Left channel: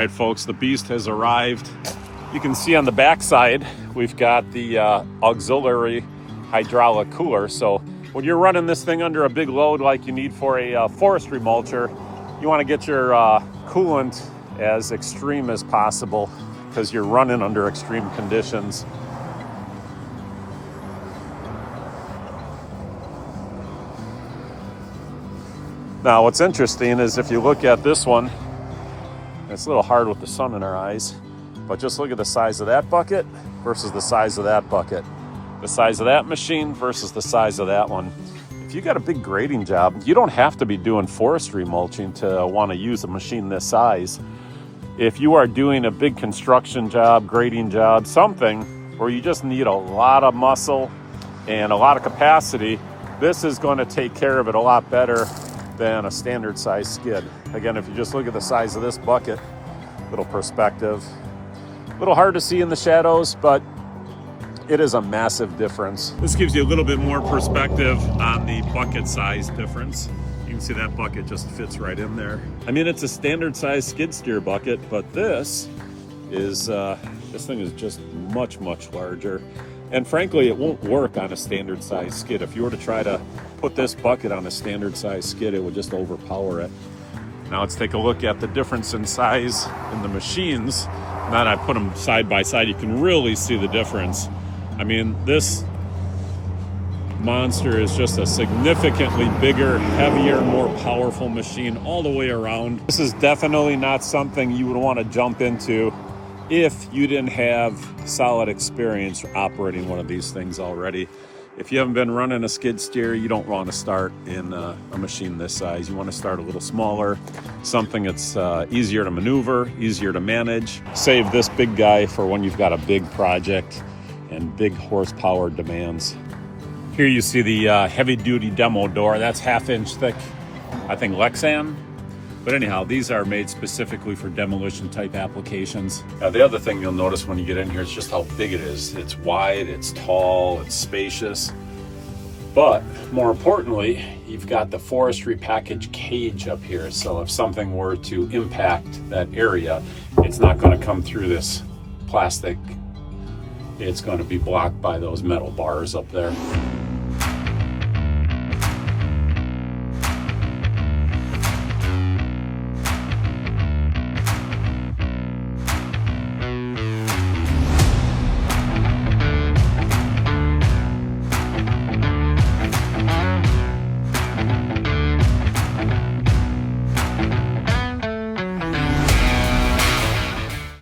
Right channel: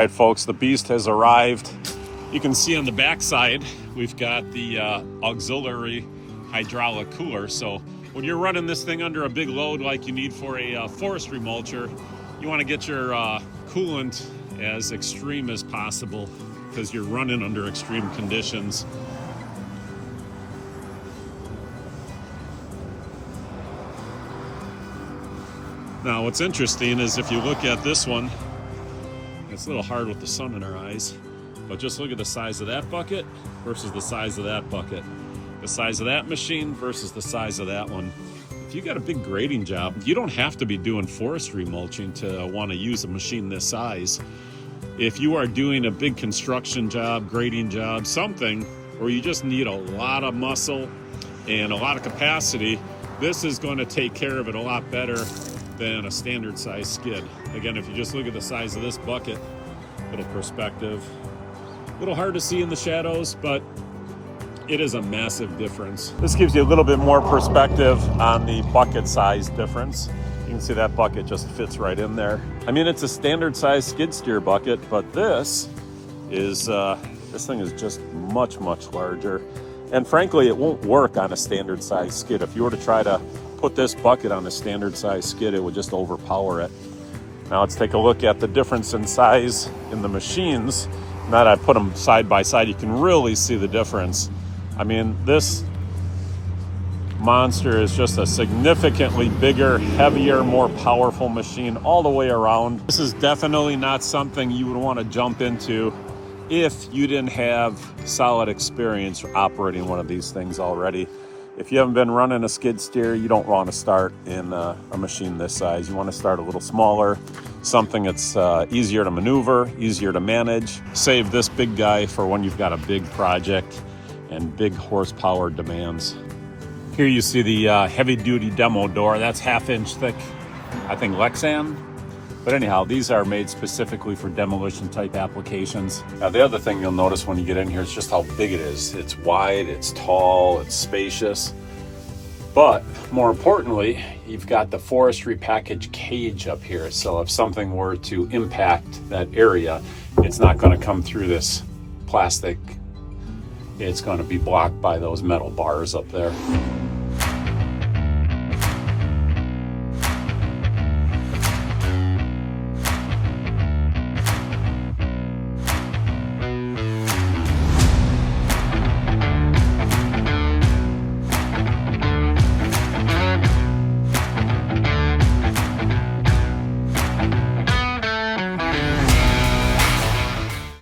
right, folks, the beast has arrived. You can see on the backside, we've got the auxiliary hydraulic cooler. So when you're running this thing under a big load like you need for a forestry mulcher, you want to get your coolant as extreme as possible because you're running under extreme conditions. Now, what's interesting is if you look at this one, it's a little hard with the sun in our eyes, but just look at the size of that bucket versus the size of that bucket. The size of that machine versus the size of that one. If you got a big grading job, you don't have to be doing forestry mulching to want to use a machine this size. If you are doing a big construction job, grading job, something where you just need a lot of muscle and a lot of capacity, this is going to take care of it a lot better than a standard size skid. Again, if you just look at the size of this bucket, little perspective, a little hard to see in the shadows, but it is a massive difference. This gives you a little bit more perspective on the bucket size difference. You can see that bucket just fits right in there. I mean, it's a standard size skid steer bucket, but this thing is just much, much larger. And frankly, it won't work on a standard size skid. If you were to try to put this bucket on a standard size skid, it would just overpower it. Now let's take a look at the difference in size in the machines. Now that I put them side by side, you can really see the difference. I mean, this monster is just a significantly bigger, heavier, more powerful machine all the way around. This is definitely not something you would want to jump into if you didn't have solid experience operating one of these things already. If you haven't been running a skid steer, you don't want to start in a machine this size. You want to start a little smaller, something that's easier to maneuver, easier to manage. Save this big guy for when you've got a big project and big horsepower demands. Here you see the heavy-duty demo door. That's 1/2 inch thick, I think Lexan. But anyhow, these are made specifically for demolition type applications. Now, the other thing you'll notice when you get in here is just how big it is. It's wide, it's tall, it's spacious. But more importantly, you've got the forestry package cage up here. So if something were to impact that area, it's not going to come through this plastic. It's going to be blocked by those metal bars up there.